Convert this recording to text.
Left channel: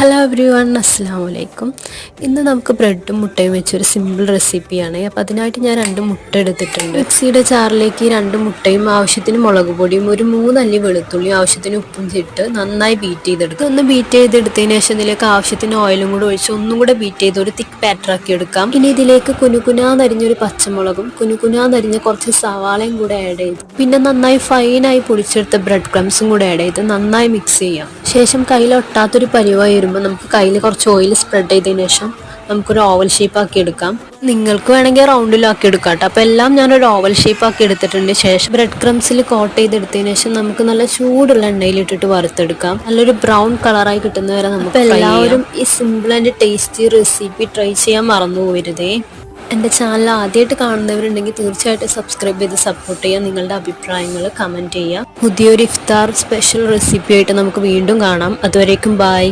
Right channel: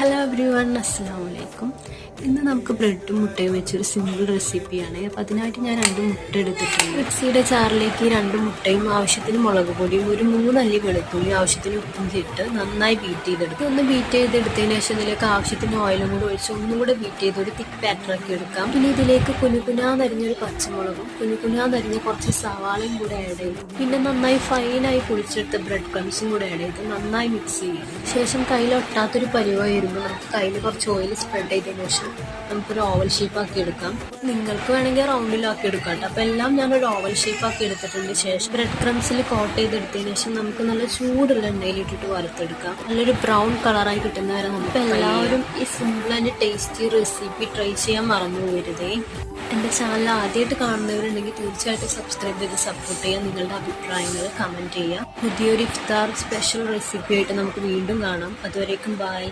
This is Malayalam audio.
ഹലോ എവ്രി വൺ, അസ്സലാമു അലൈക്കും. ഇന്ന് നമുക്ക് ബ്രെഡും മുട്ടയും വെച്ചൊരു സിമ്പിൾ റെസിപ്പിയാണ്. അപ്പോൾ അതിനായിട്ട് ഞാൻ 2 മുട്ട എടുത്തിട്ടുണ്ട്. മിക്സിയുടെ ജാറിലേക്ക് 2 മുട്ടയും ആവശ്യത്തിന് മുളക് പൊടിയും ഒരു 3 അല്ലി വെളുത്തുള്ളിയും ആവശ്യത്തിന് ഉപ്പും ഇട്ട് നന്നായി ബീറ്റ് ചെയ്തെടുക്കും. ഒന്ന് ബീറ്റ് ചെയ്തെടുത്തതിന് ശേഷം ഇതിലേക്ക് ആവശ്യത്തിന് ഓയിലും കൂടെ ഒഴിച്ച് ഒന്നും കൂടെ ബീറ്റ് ചെയ്ത് ഒരു തിക്ക് ബാറ്ററാക്കി എടുക്കാം. ഇനി ഇതിലേക്ക് കുനുകുനാന്നരിഞ്ഞൊരു പച്ചമുളകും കുനുകുനാന്നരിഞ്ഞ കുറച്ച് സവാളയും കൂടെ ആഡ് ചെയ്തു പിന്നെ നന്നായി ഫൈനായി പൊടിച്ചെടുത്ത ബ്രെഡ് ക്രംസും കൂടെ ആഡ് ചെയ്ത് നന്നായി മിക്സ് ചെയ്യാം. ശേഷം കയ്യിലൊട്ടാത്തൊരു പരിവായി വരുമ്പോൾ നമുക്ക് കയ്യിൽ കുറച്ച് ഓയിൽ സ്പ്രെഡ് ചെയ്തതിന് ശേഷം നമുക്കൊരു ഓവൽ ഷേപ്പ് ആക്കി എടുക്കാം. നിങ്ങൾക്ക് വേണമെങ്കിൽ റൗണ്ടിലാക്കി എടുക്കാം കേട്ടോ. അപ്പോൾ എല്ലാം ഞാനൊരു ഓവൽ ഷേപ്പ് ആക്കി എടുത്തിട്ടുണ്ട്. ശേഷം ബ്രെഡ് ക്രംസിൽ കോട്ട് ചെയ്തെടുത്തതിന് ശേഷം നമുക്ക് നല്ല ചൂടുള്ള എണ്ണയിലിട്ടിട്ട് വറുത്തെടുക്കാം. നല്ലൊരു ബ്രൗൺ കളറായി കിട്ടുന്നവരെ നമുക്ക് എല്ലാവരും ഈ simple and tasty recipe try ചെയ്യാൻ മറന്നു പോകരുതേ. എൻ്റെ ചാനൽ ആദ്യമായിട്ട് കാണുന്നവരുണ്ടെങ്കിൽ തീർച്ചയായിട്ടും സബ്സ്ക്രൈബ് ചെയ്ത് സപ്പോർട്ട് ചെയ്യുക. നിങ്ങളുടെ അഭിപ്രായങ്ങൾ കമൻറ്റ് ചെയ്യുക. പുതിയൊരു ഇഫ്താർ സ്പെഷ്യൽ റെസിപ്പി ആയിട്ട് നമുക്ക് വീണ്ടും കാണാം. അതുവരേക്കും ബായ്.